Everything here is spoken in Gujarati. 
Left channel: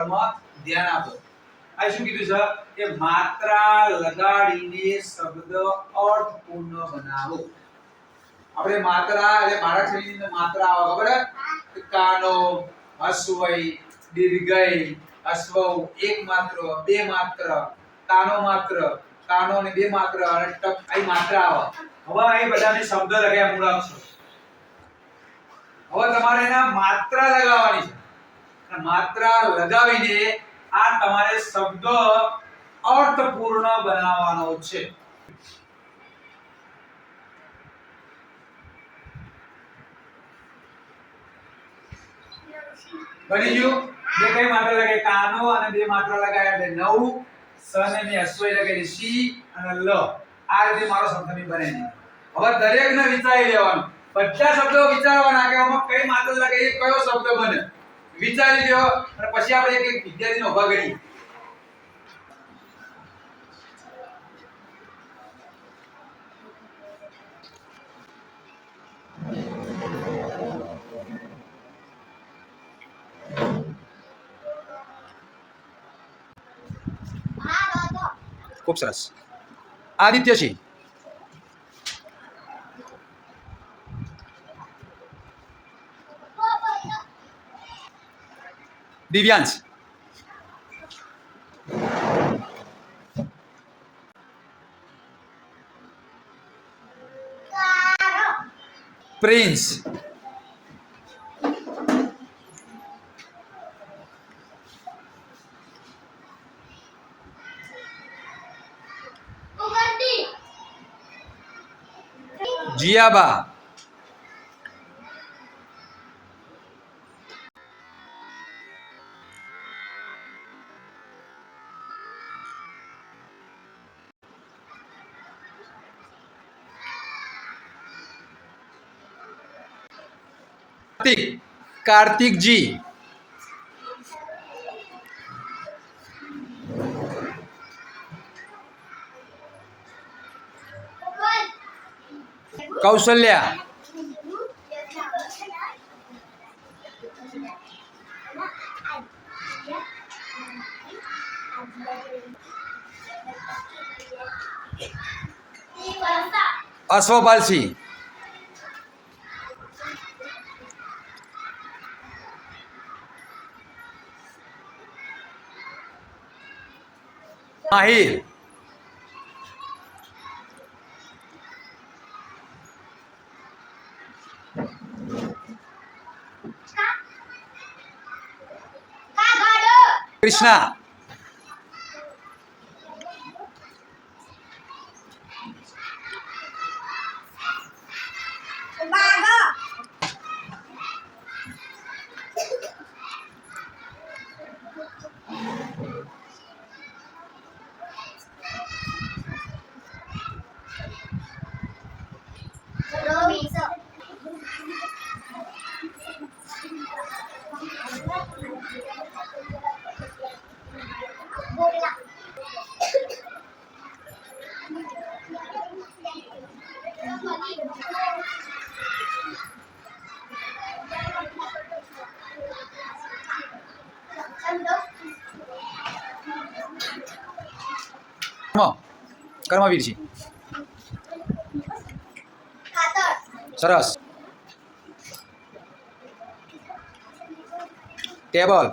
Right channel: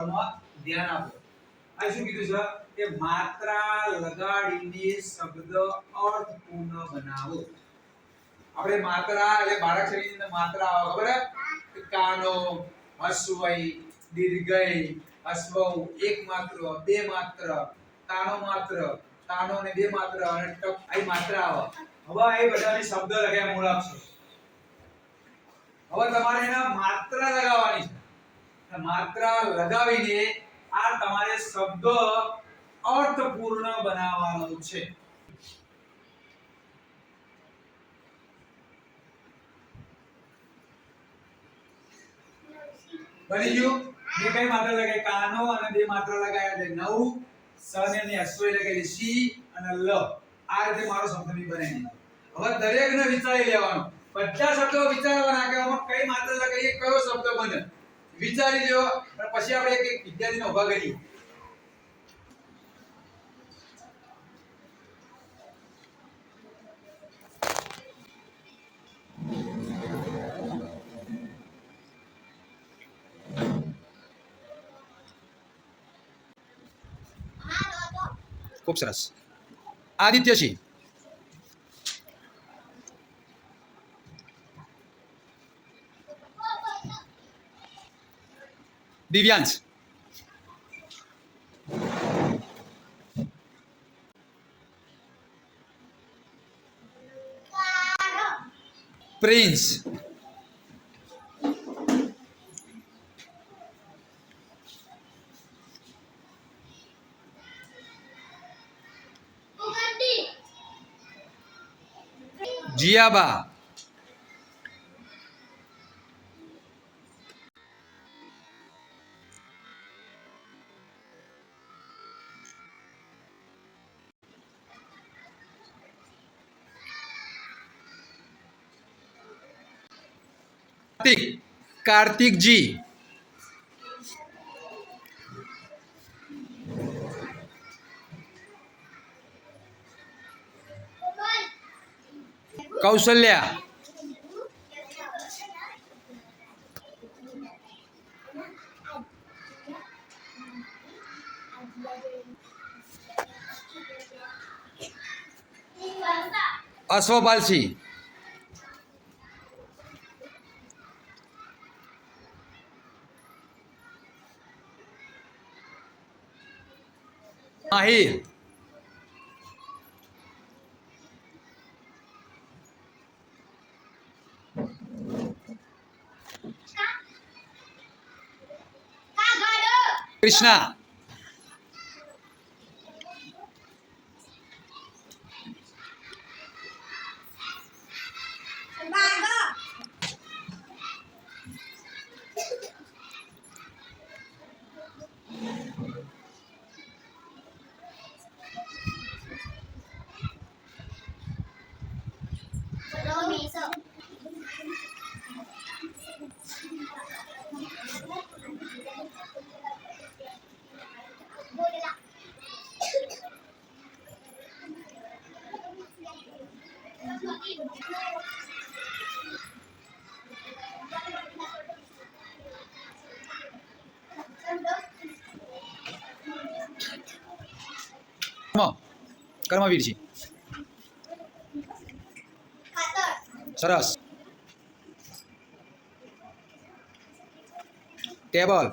ધ્યાન આપો. આ શું કીધું છે કે માત્રા લગાડીને શબ્દ અર્થપૂર્ણ બનાવો. આપણે માત્રા એટલે બાળકની અંદર માત્રા આવે ખબર હે? કાનો, હસ્વઈ, દીર્ઘઈ, અશ્વઉ, એક માત્ર, બે માત્ર, કાનો માત્ર, કાનો ને બે માત્ર અને ટપ આ માત્રા આવે. હવે આ બધાને શબ્દ લગાવ્યા મૂળાક્ષરો. હવે તમારે એના માત્રા લગાવવાની છે. અને માત્રા લગાવીને આ તમારે શબ્દ અર્થપૂર્ણ બનાવવાનો છે. બની ગયું? બે કઈ માત્રા લગાવી? કાનો અને બે માત્રા લગાવ્યા એટલે નવ. સ ને અશ્વય લગાવી સી અને લ. આ રીતે મારો શબ્દ બને છે. હવે દરેકને વિચારી લેવાનું. બધા શબ્દો વિચારવાના કે આમાં કઈ માત્રા લગાવી કયો શબ્દ બને. વિચારી લ્યો અને પછી આપણે એક એક વિદ્યાર્થીને ઉભા કરીએ. ખૂબ સરસ. આદિત્યસિંહ, દિવ્યાંશ, પ્રિન્સ, જીયાબા, કાર્તિકજી, કૌશલ્યા, અશ્વપાલસિંહ, માહિર, કૃષ્ણા, કર્મવીરજી, સરસ. ટેબલ,